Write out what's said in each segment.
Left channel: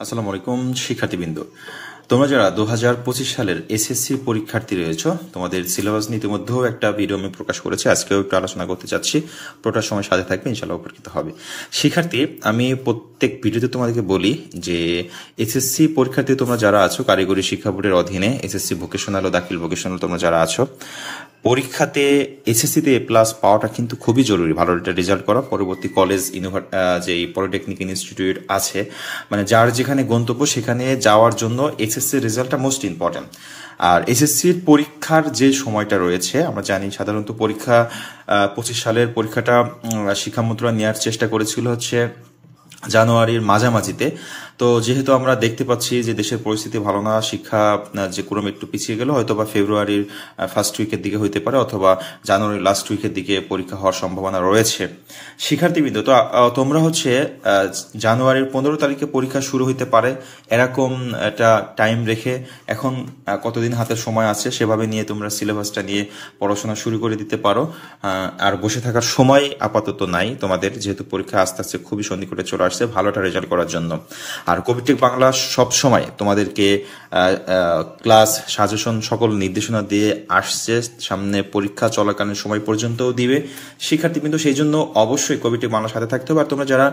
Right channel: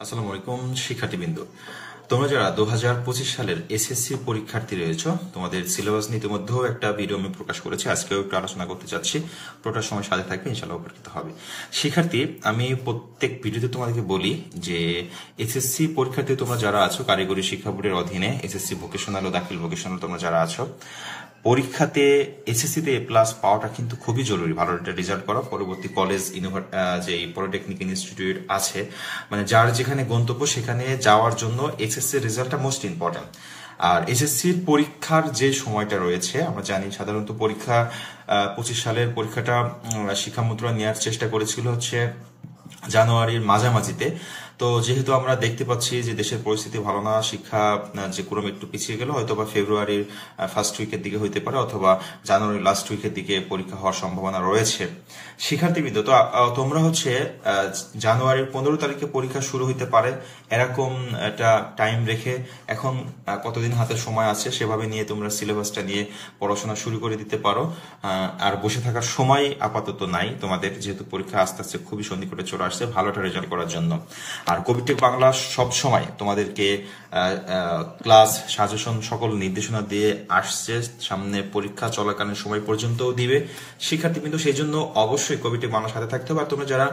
আসসালামু আলাইকুম শিক্ষার্থীবৃন্দ, তোমরা যারা 2025 সালের এসএসসি পরীক্ষার্থী রয়েছে, তোমাদের সিলেবাস নিয়ে ইতিমধ্যেও একটা ভিডিও আমি প্রকাশ করেছি। আজকেও একটু আলোচনা করতে চাচ্ছি, পুরোটা সময় সাথে থাকবে, ইনশাআল্লাহ উপকৃত হবে। শিক্ষার্থী, আমি প্রত্যেক ভিডিওতে তোমাদেরকে বলি যে এসএসসি পরীক্ষার্থী তোমরা যারা আছো, কারিগরি শিক্ষা বোর্ডের অধীনে এসএসসি ভোকেশনাল ও দাখিল ভোকেশনাল তোমরা যারা আছো, পরীক্ষাতে এসএসসিতে এ প্লাস পাওয়াটা কিন্তু খুবই জরুরি। ভালো একটা রেজাল্ট করা, পরবর্তী কলেজ যে পলিটেকনিক ইনস্টিটিউট আছে, মানে যার যেখানে গন্তব্য সেখানে যাওয়ার জন্য এসএসসি রেজাল্টটা মোস্ট ইম্পর্টেন্ট। আর এসএসসির পরীক্ষার যে সময়টা রয়েছে, আমরা জানি সাধারণত পরীক্ষা 25 সালের পরীক্ষাটা শিক্ষা মন্ত্রণালয় নেওয়ার চেষ্টা করেছিল হচ্ছে জানুয়ারির মাঝামাঝিতে। তো যেহেতু আমরা দেখতে পাচ্ছি যে দেশের পরিস্থিতি ভালো না, শিক্ষা যে ক্রমে একটু পিছিয়ে গেল, হয়তো বা ফেব্রুয়ারির ফার্স্ট উইকের দিকে হইতে পারে অথবা জানুয়ারির লাস্ট উইকের দিকে পরীক্ষা হওয়ার সম্ভাবনা রয়েছে। শিক্ষার্থীবৃন্দ, তো তোমরা হচ্ছে জানুয়ারির 15 তারিখে পরীক্ষা শুরু হইতে পারে, এরকম একটা টাইম রেখে এখন কতদিন হাতে সময় আছে সেভাবে নিয়ে তোমরা সিলেবাসটা নিয়ে পড়াশোনা শুরু করে দিতে পারো। আর বসে থাকার সময় আপাতত নাই তোমাদের, যেহেতু পরীক্ষা আস্তে আস্তে খুবই সন্নিকটে চলে আসছে ভালো একটা রেজাল্ট করার জন্য। আর কবিটেক বাংলা সব সময় তোমাদেরকে ক্লাস সাজেশন সকল নির্দেশনা দিয়ে আসছে, সামনে পরীক্ষা চলাকালীন সময় পর্যন্তও দিবে। শিক্ষার্থীবৃন্দ, সেই জন্য অবশ্যই কবিটেক বাংলার সাথে থাকতে হবে। আর তোমরা যারা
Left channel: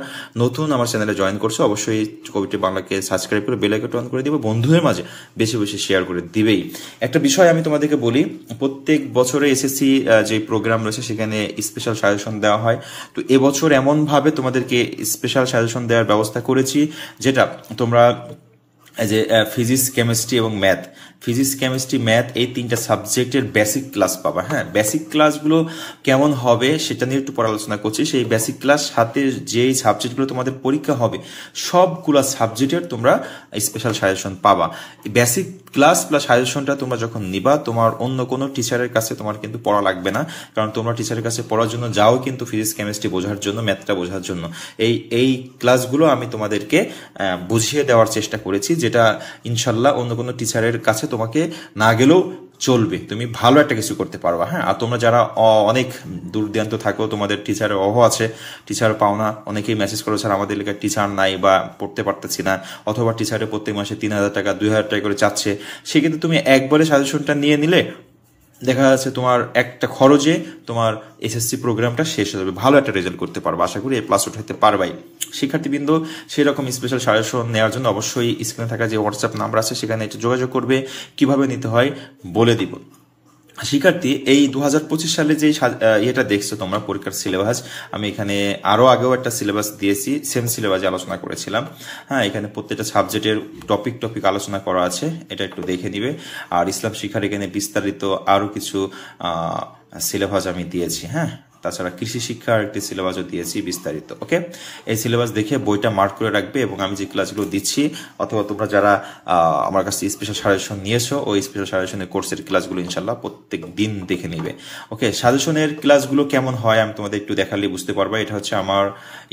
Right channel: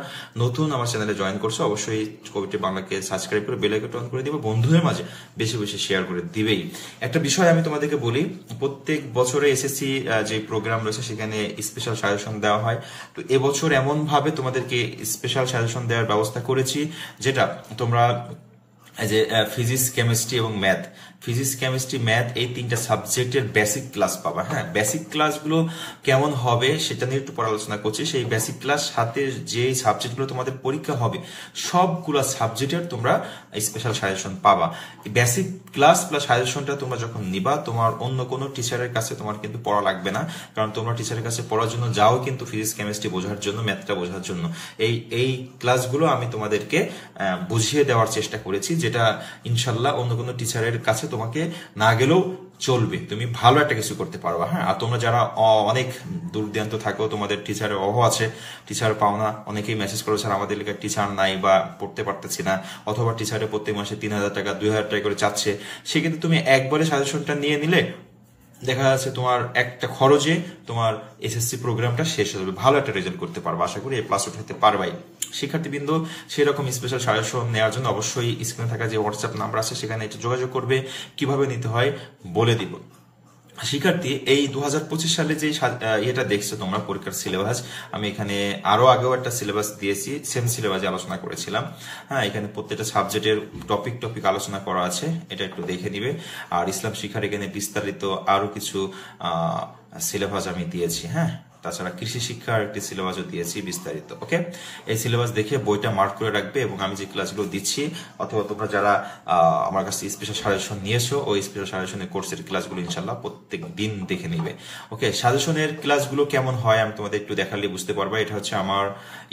নতুন আমার চ্যানেলে জয়েন করছো, অবশ্যই কবিটেক বাংলাকে সাবস্ক্রাইব করে বেল আইকনটা অন করে দিবে, বন্ধুদের মাঝে বেশি বেশি শেয়ার করে দিবেই। একটা বিষয় আমি তোমাদেরকে বলি, প্রত্যেক বছরে এসএসসি যে প্রোগ্রাম রয়েছে সেখানে স্পেশাল সাজেশন দেওয়া হয়। তো এবছর এমন ভাবে তোমাদেরকে স্পেশাল সাজেশন দেওয়ার ব্যবস্থা করেছি, যেটা তোমরা এই যে ফিজিক্স, কেমিস্ট্রি এবং ম্যাথ, ফিজিক্স, কেমিস্ট্রি, ম্যাথ এই তিনটা সাবজেক্টের বেসিক ক্লাস পাবা। হ্যাঁ, বেসিক ক্লাসগুলো কেমন হবে সেটা নিয়ে একটু পরে আলোচনা করছি। সেই বেসিক ক্লাস সাথে যে সাবজেক্টগুলো তোমাদের পরীক্ষা হবে সবগুলো সাবজেক্টের তোমরা স্পেশাল সাজেশন পাবা। বেসিক ক্লাস প্লাস সাজেশনটা তোমরা যখন নিবা, তোমার অন্য কোনো টিচারের কাছে তোমার কিন্তু পড়া লাগবে না, কারণ তোমরা টিচারের কাছে পড়ার জন্য যাও কিন্তু ফিজিক্স, কেমিস্ট্রি বোঝার জন্য, ম্যাথটা বোঝার জন্য। এই ক্লাসগুলো আমি তোমাদেরকে বুঝিয়ে দেওয়ার চেষ্টা করেছি, যেটা ইনশাল্লাহ অন্য কোনো টিচারের কাছে তোমাকে না গেলেও চলবে, তুমি ভালো একটা কিছু করতে পারবা। হ্যাঁ, আর তোমরা যারা অনেক দূর দূরান্ত থাকো, তোমাদের টিচারের অভাব আছে, টিচার পাও না, অনেকেই মেসেজ করে স্যার আমাদের এলাকায় টিচার নাই বা পড়তে পারতেছি না, অথবা টিচারে প্রত্যেক মাসে 3,000 টাকা 2,000 টাকা করে চাচ্ছে, সেক্ষেত্রে তুমি একবারে সাজেশনটা নিয়ে নিলে দেখা যাচ্ছে তোমার একটা খরচে তোমার এসএসসি প্রোগ্রামটা শেষ হয়ে যাবে, ভালো একটা রেজাল্ট করতে পারবে, আশা করি A+ উঠাতে পারবাই। শিক্ষার্থীবৃন্দ, সেই রকম স্পেশাল সাজেশন নেওয়ার জন্য অবশ্যই স্ক্রিনে থাকা যে হোয়াটসঅ্যাপ নাম্বার আছে সেখানে একটু যোগাযোগ করবে, কিভাবে নিতে হয় বলে দিব। শিক্ষার্থী, এই 2025 সালে যে এটা দেখছো তোমরা পরীক্ষার সিলেবাস, আমি এখানে আরো আগেও একটা সিলেবাস দিয়েছি, সেম সিলেবাসে আলোচনা করেছিলাম। হ্যাঁ, এখানে প্রত্যেকটা সাবজেক্টের টপিক আলোচনা করা আছে, এটা একটু দেখে নিবে। আর ইসলাম শিক্ষার এখানে বিস্তারিত আরো কিছু সিলেবাস আমি দিয়েছি। হ্যাঁ, তাছাড়া কৃষি শিক্ষার একটি সিলেবাসও দিয়েছি বিস্তারিত। ওকে, এই সিলেবাস দেখে বইটা মার্ক করে রাখবে, এবং আমি যে ক্লাসগুলো দিচ্ছি অথবা তোমরা যারা আমার কাছে স্পেশাল সাজেশন নিয়েছো, ওই স্পেশাল সাজেশনের কোর্সের ক্লাসগুলো ইনশাল্লাহ প্রত্যেক দিন দেখে নিবে। ওকে, সাজেশনের ক্লাসগুলো কেমন হয় আমি তোমাদের একটু দেখালে বুঝতে পারবা। এটা হচ্ছে আমার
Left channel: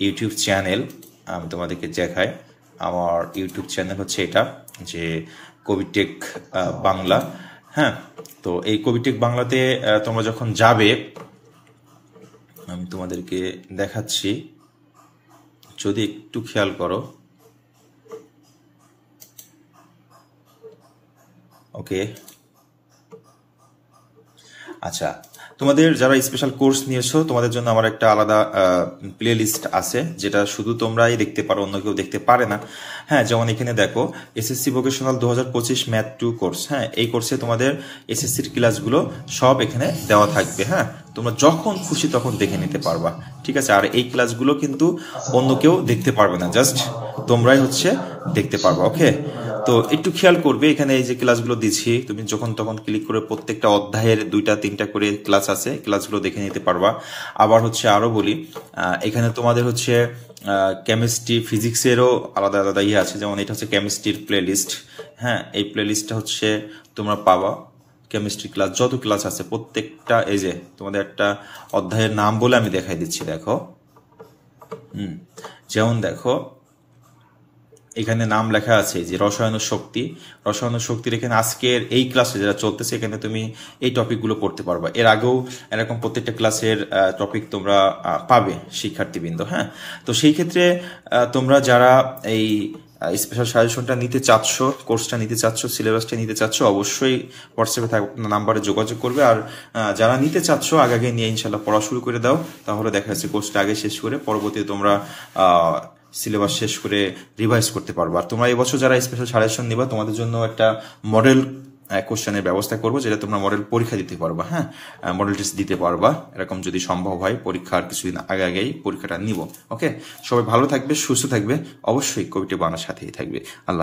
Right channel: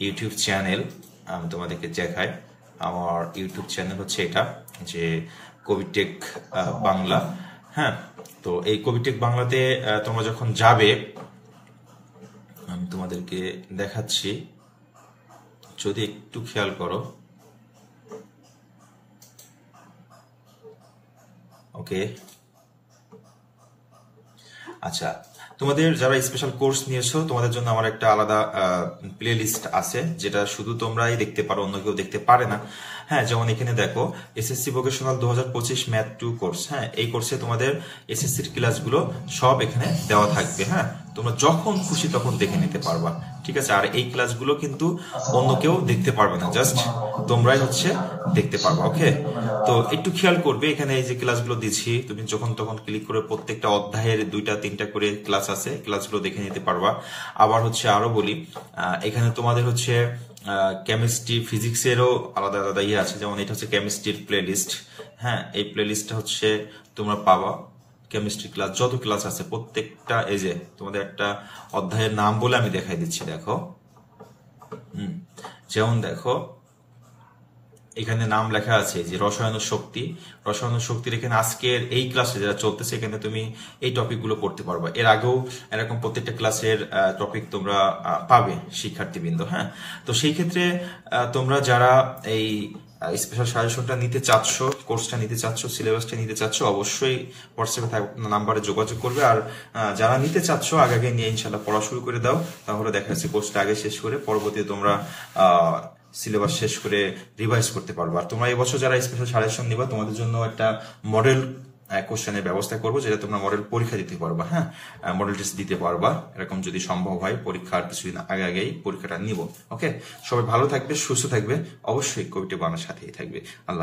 ইউটিউব চ্যানেল, আমি তোমাদেরকে দেখাই। আমার ইউটিউব চ্যানেল হচ্ছে এটা, যে কবিটেক বাংলা। হ্যাঁ, তো এই কবিটেক বাংলাতে তোমরা যখন যাবে, আমি তোমাদেরকে দেখাচ্ছি, যদি একটু খেয়াল করো। ওকে, আচ্ছা, তোমাদের যারা স্পেশাল কোর্স নিয়েছো তোমাদের জন্য আমার একটা আলাদা প্লে লিস্ট আছে, যেটা শুধু তোমরাই দেখতে পারো, অন্য কেউ দেখতে পারে না। হ্যাঁ, যেমন এখানে দেখো, এসএসসি ভোকেশনাল 2025 ম্যাথ 2 কোর্স। হ্যাঁ, এই কোর্সে তোমাদের এসএসসির ক্লাসগুলো সব এখানে দেওয়া থাকবে। হ্যাঁ, তোমরা যখন খুশি তখন দেখে নিতে পারবা, ঠিক আছে। আর এই ক্লাসগুলো কিন্তু অন্য কেউ দেখতে পারবে না, জাস্ট তোমরাই হচ্ছে দেখতে পারবা। ওকে, তো একটু খেয়াল করবে, এখানে এই যে ক্লাসগুলো দিচ্ছি, তুমি যখন তখন ক্লিক করে প্রত্যেকটা অধ্যায়ের 2-3টা করে ক্লাস আছে, ক্লাসগুলো দেখে নিতে পারবা। আবার হচ্ছে আরো বলি, এখানে তোমাদের হচ্ছে কেমিস্ট্রি, ফিজিক্সেরও আলাদা আলাদা ইয়ে আছে, যেমন এটা হচ্ছে কেমিস্ট্রির প্লে লিস্ট। হ্যাঁ, এই প্লে লিস্টটা হচ্ছে তোমরা পাবা, কেমিস্ট্রি ক্লাস যত ক্লাস আছে প্রত্যেকটা, এই যে তোমাদের একটা অধ্যায়ের নাম বলে আমি দেখাই দিচ্ছি, দেখো। যেমন দেখো, এখানে নাম লেখা আছে যে রসায়ন শক্তি, রসায়ন শক্তির এখানে আজকের এই ক্লাসে যেটা চলতেছে, এখানে তুমি এই টপিকগুলো পড়তে পারবা। এর আগেও এরকম প্রত্যেকটা ক্লাসের টপিক তোমরা পাবে শিক্ষার্থীবৃন্দ। হ্যাঁ, তো সেই ক্ষেত্রে তোমরা যারা এই স্পেশাল সাজেশনটা নিতে চাচ্ছ, কোর্সটা নিতে চাচ্ছ, সিলেবাসটা নিতে চাচ্ছ, অবশ্যই হোয়াটসঅ্যাপে নাম্বারে যোগাযোগ করবে। আর যারা নিতে চাচ্ছ আগে নিয়ে ইনশাল্লাহ পড়া শুরু করে দাও, তাহলে দেখা যাচ্ছে কোর্সটা আগে শেষ করে পরবর্তীতে তোমরা সিলেবাস শেষ করে রিভাইজ করতে পারবা। আর তোমরা এবছর যারা স্পেশাল সাজেশন নিবা তোমাদের জন্য একটা মডেল কোশ্চেনের ব্যবস্থা করবো, যেটা তোমরা মডেল পরীক্ষা দিতে পারবা। হ্যাঁ, মডেল টেস্ট দিতে পারবা, এরকম যদি সম্ভব হয় পরীক্ষার কিছুদিন আগেই পরীক্ষাটা নিব। ওকে, সবাই ভালো থাকবে, সুস্থ থাকবে, অবশ্যই কবিটি বানার সাথেই থাকবে। আল্লাহ।